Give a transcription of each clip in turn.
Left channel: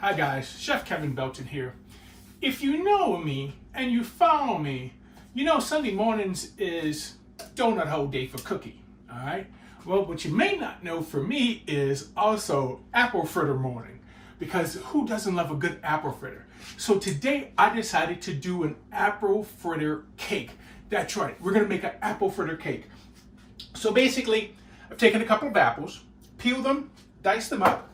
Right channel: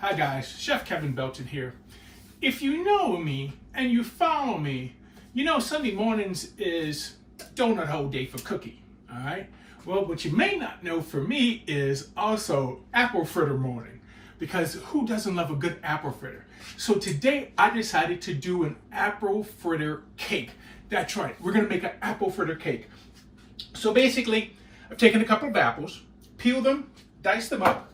Hi guys, Chef Kevin Belton here. If you know me and you follow me, you know Sunday mornings is donut hole day for Cookie, all right? Well, what you may not know for me is also apple fritter morning, because who doesn't love a good apple fritter? So today I decided to do an apple fritter cake. That's right, we're gonna make an apple fritter cake. So basically, I've taken a couple of apples, peeled them, diced them up.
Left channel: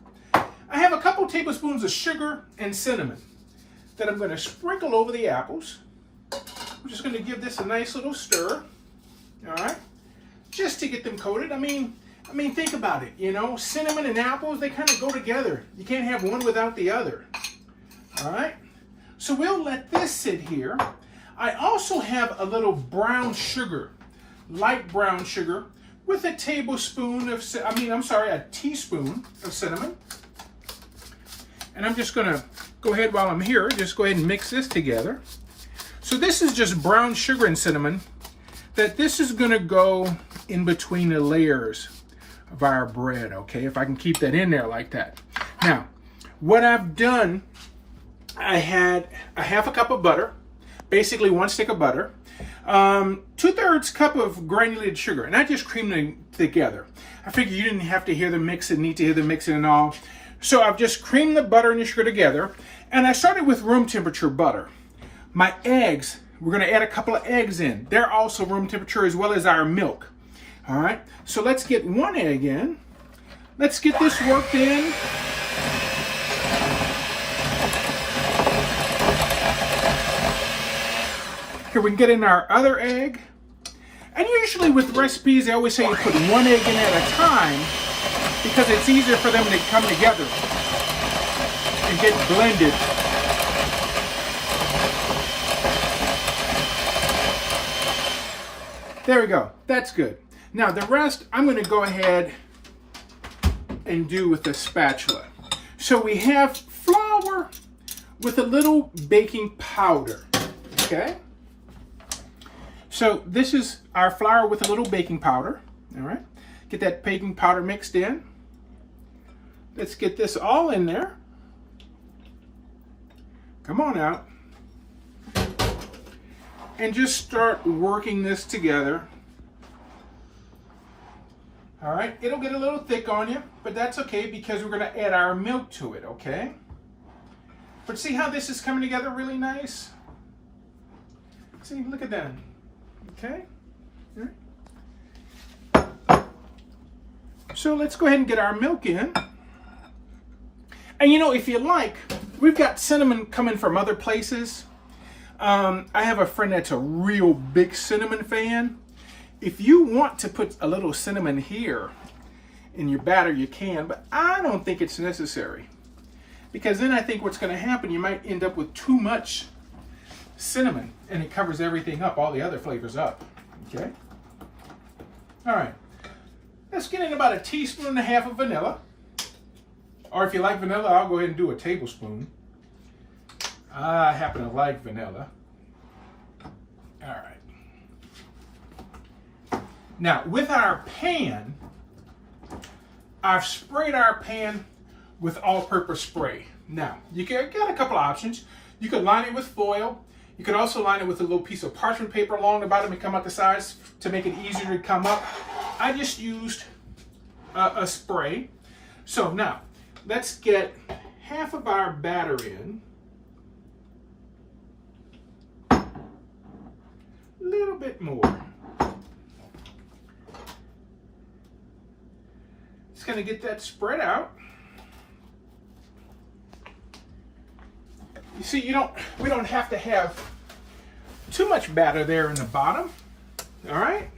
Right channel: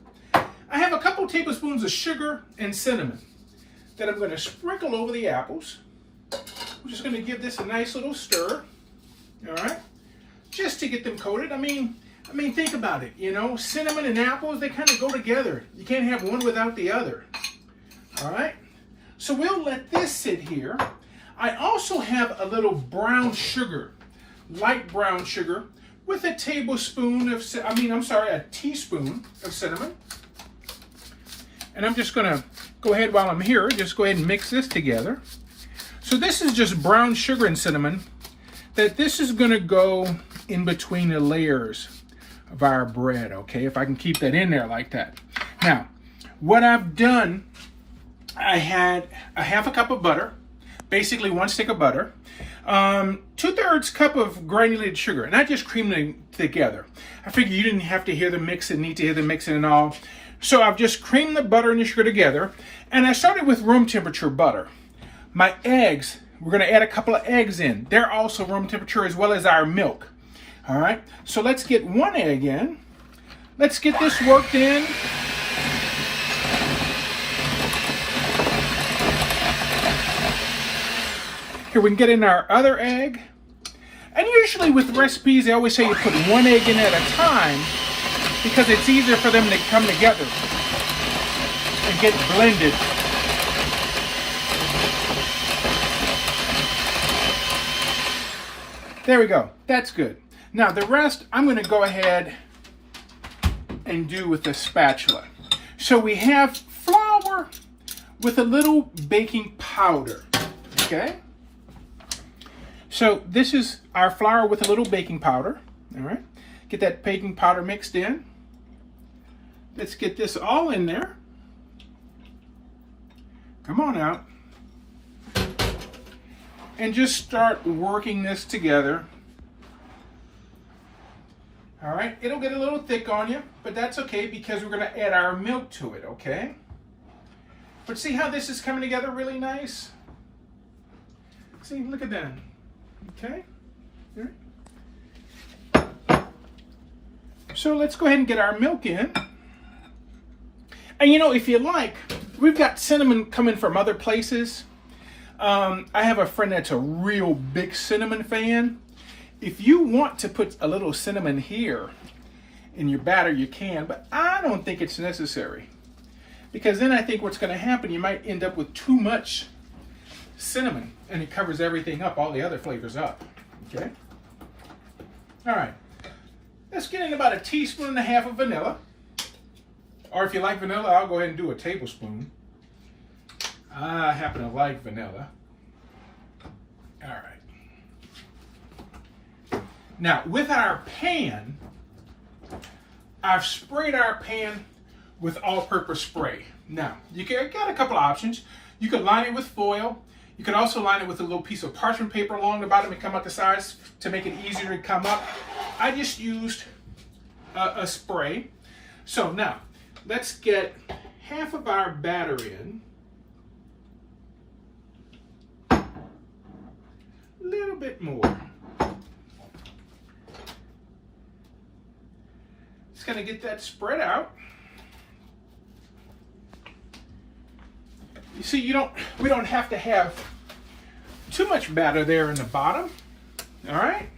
I have a couple tablespoons of sugar and cinnamon that I'm going to sprinkle over the apples. I'm just going to give this a nice little stir, all right, just to get them coated. I mean, think about it, you know, cinnamon and apples, they kind of go together. You can't have one without the other, all right? So we'll let this sit here. I also have a little brown sugar, light brown sugar, with a teaspoon of cinnamon. And I'm just gonna go ahead while I'm here, just go ahead and mix this together. So this is just brown sugar and cinnamon, that this is gonna go in between the layers of our bread, okay? If I can keep that in there like that. Now, what I've done, I had a half a cup of butter, basically 1 stick of butter, 2/3 cup of granulated sugar, and I just creamed them together. I figured you didn't have to hear the mixing, need to hear the mixing and all. So I've just creamed the butter and the sugar together, and I started with room temperature butter. My eggs, we're gonna add a couple of eggs in. They're also room temperature as well as our milk. All right, so let's get 1 egg in. Let's get this worked in. Here we can get in our other egg. And usually with recipes, they always say you put 1 egg in at a time, because it's easier for them to come together and get blended. There we go, that's good. Now the rest, I'm gonna go ahead and do with the spatula. So we have flour with a little baking powder, okay? So this is our flour with a little baking powder, all right? Get that baking powder mixed in. Let's get this all in there. Come on out. And just start working this together. All right, it'll get a little thick on you, but that's okay because we're gonna add our milk to it, okay? But see how this is coming together really nice? See, look at that, okay? All right. So let's go ahead and get our milk in. And you know, if you like, we've got cinnamon coming from other places. I have a friend that's a real big cinnamon fan. If you want to put a little cinnamon here in your batter, you can, but I don't think it's necessary. Because then I think what's gonna happen, you might end up with too much cinnamon and it covers everything up, all the other flavors up, okay? All right, let's get in about 1.5 teaspoons of vanilla. Or if you like vanilla, I'll go ahead and do a tablespoon. I happen to like vanilla. All right. Now, with our pan, I've sprayed our pan with all-purpose spray. Now, you got a couple of options. You could line it with foil. You could also line it with a little piece of parchment paper along the bottom and come out the sides to make it easier to come up. I just used a spray. So now, let's get half of our batter in. A little bit more. Just gonna get that spread out. You see, we don't have to have too much batter there in the bottom, all right?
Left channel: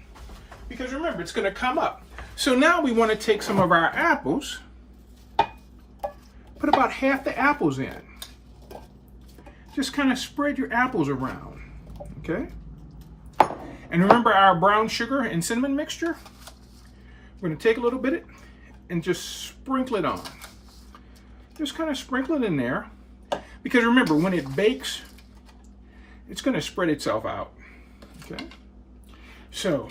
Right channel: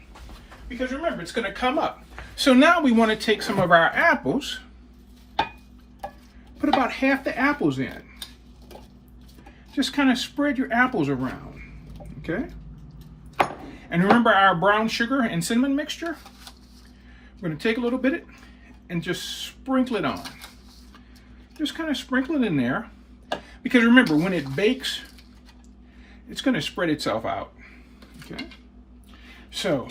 Because remember, it's gonna come up. So now we wanna take some of our apples, put about half the apples in. Just kind of spread your apples around, okay? And remember our brown sugar and cinnamon mixture? We're gonna take a little bit and just sprinkle it on. Just kind of sprinkle it in there. Because remember, when it bakes, it's gonna spread itself out, okay? So,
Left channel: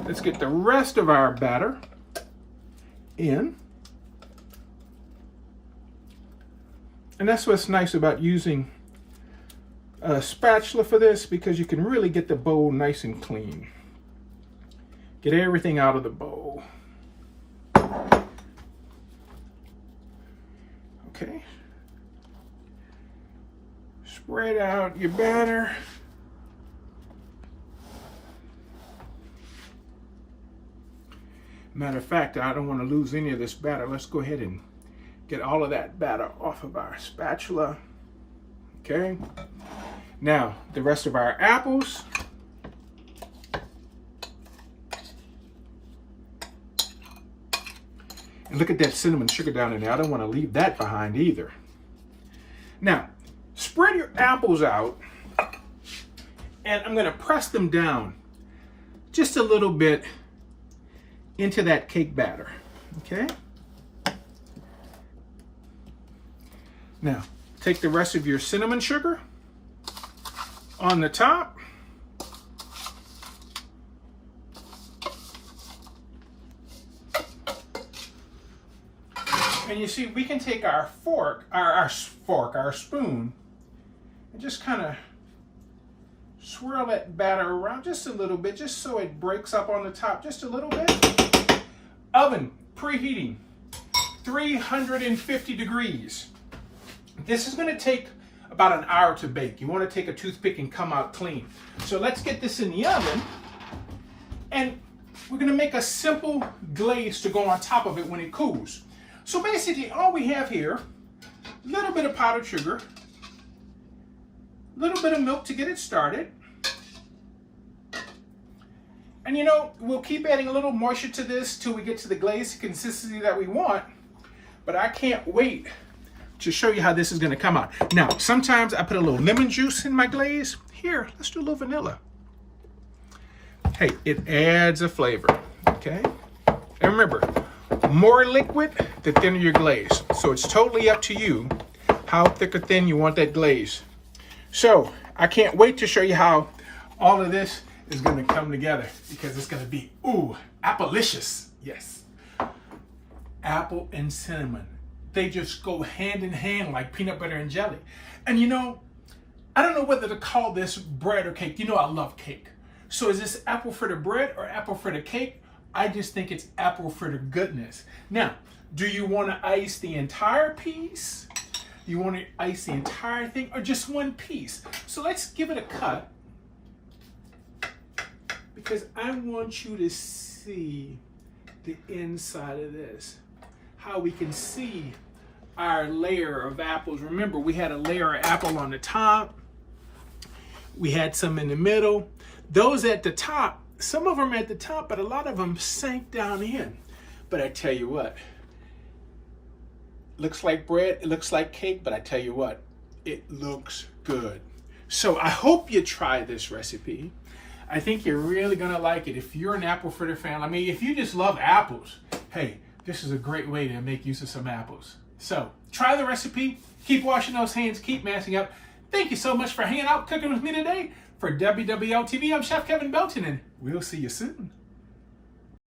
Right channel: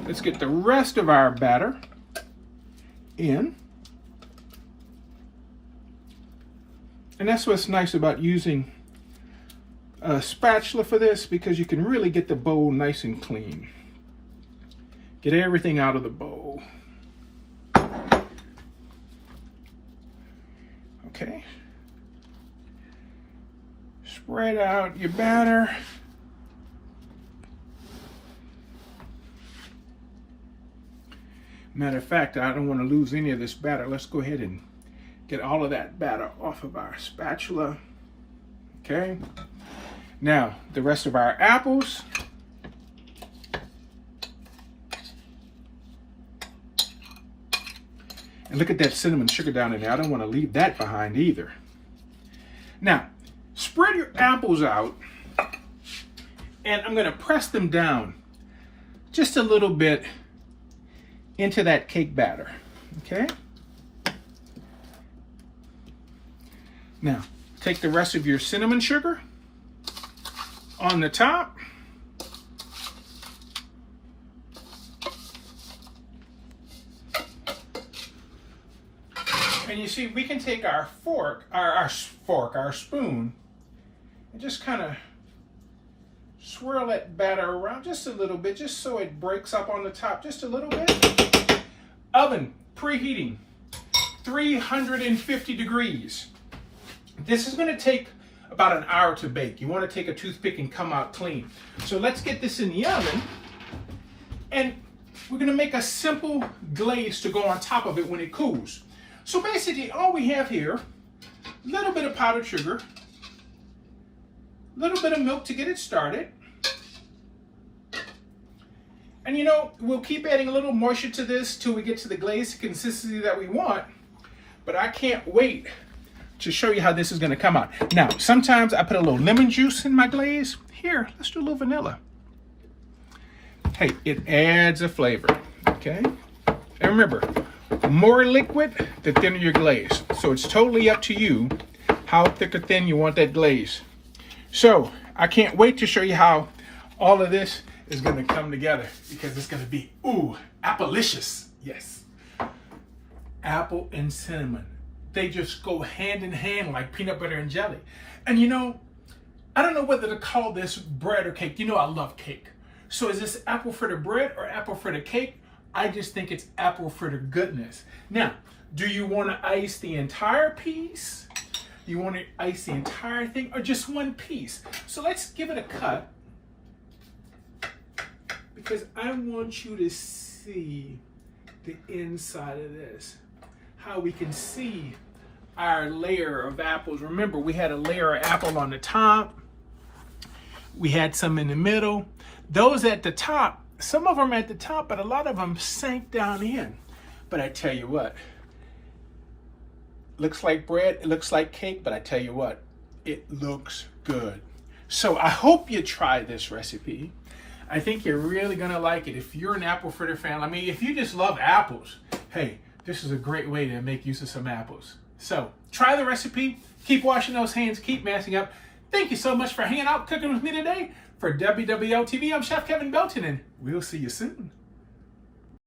let's get the rest of our batter in. And that's what's nice about using a spatula for this, because you can really get the bowl nice and clean. Get everything out of the bowl. Okay. Spread out your batter. Matter of fact, I don't want to lose any of this batter. Let's go ahead and get all of that batter off of our spatula. Okay. Now, the rest of our apples. And look at that cinnamon sugar down in there. I don't want to leave that behind either. Now, spread your apples out, and I'm going to press them down just a little bit into that cake batter. Okay? Now, take the rest of your cinnamon sugar on the top. And you see, we can take our our spoon, and just kind of swirl that batter around just a little bit, just so it breaks up on the top just a little bit. Oven preheating 350 degrees. This is going to take about an hour to bake. You want to take a toothpick and come out clean. So let's get this in the oven, and we're going to make a simple glaze to go on top of it when it cools. So basically all we have here, a little bit of powdered sugar, a little bit of milk to get it started. And you know, we'll keep adding a little moisture to this till we get to the glaze consistency that we want. But I can't wait to show you how this is going to come out. Now, sometimes I put a little lemon juice in my glaze. Here, let's do a little vanilla. Hey, it adds a flavor, okay? And remember, more liquid, the thinner your glaze. So it's totally up to you how thick or thin you want that glaze. So I can't wait to show you how all of this is going to come together, because it's going to be, ooh, appleicious. Yes. Apple and cinnamon. They just go hand in hand like peanut butter and jelly. And you know, I don't know whether to call this bread or cake. You know I love cake. So is this apple fritter bread or apple fritter cake? I just think it's apple fritter goodness. Now, do you want to ice the entire piece? You want to ice the entire thing, or just one piece? So let's give it a cut, because I want you to see the inside of this. How we can see our layer of apples. Remember, we had a layer of apple on the top. We had some in the middle. Those at the top, some of them at the top, but a lot of them sank down in. But I tell you what, looks like bread, it looks like cake, but I tell you what, it looks good. So I hope you try this recipe. I think you're really gonna like it. If you're an apple fritter fan, I mean, if you just love apples, hey, this is a great way to make use of some apples. So try the recipe, keep washing those hands, keep mashing up. Thank you so much for hanging out, cooking with me today. For WWL TV, I'm Chef Kevin Belton, and we'll see you soon.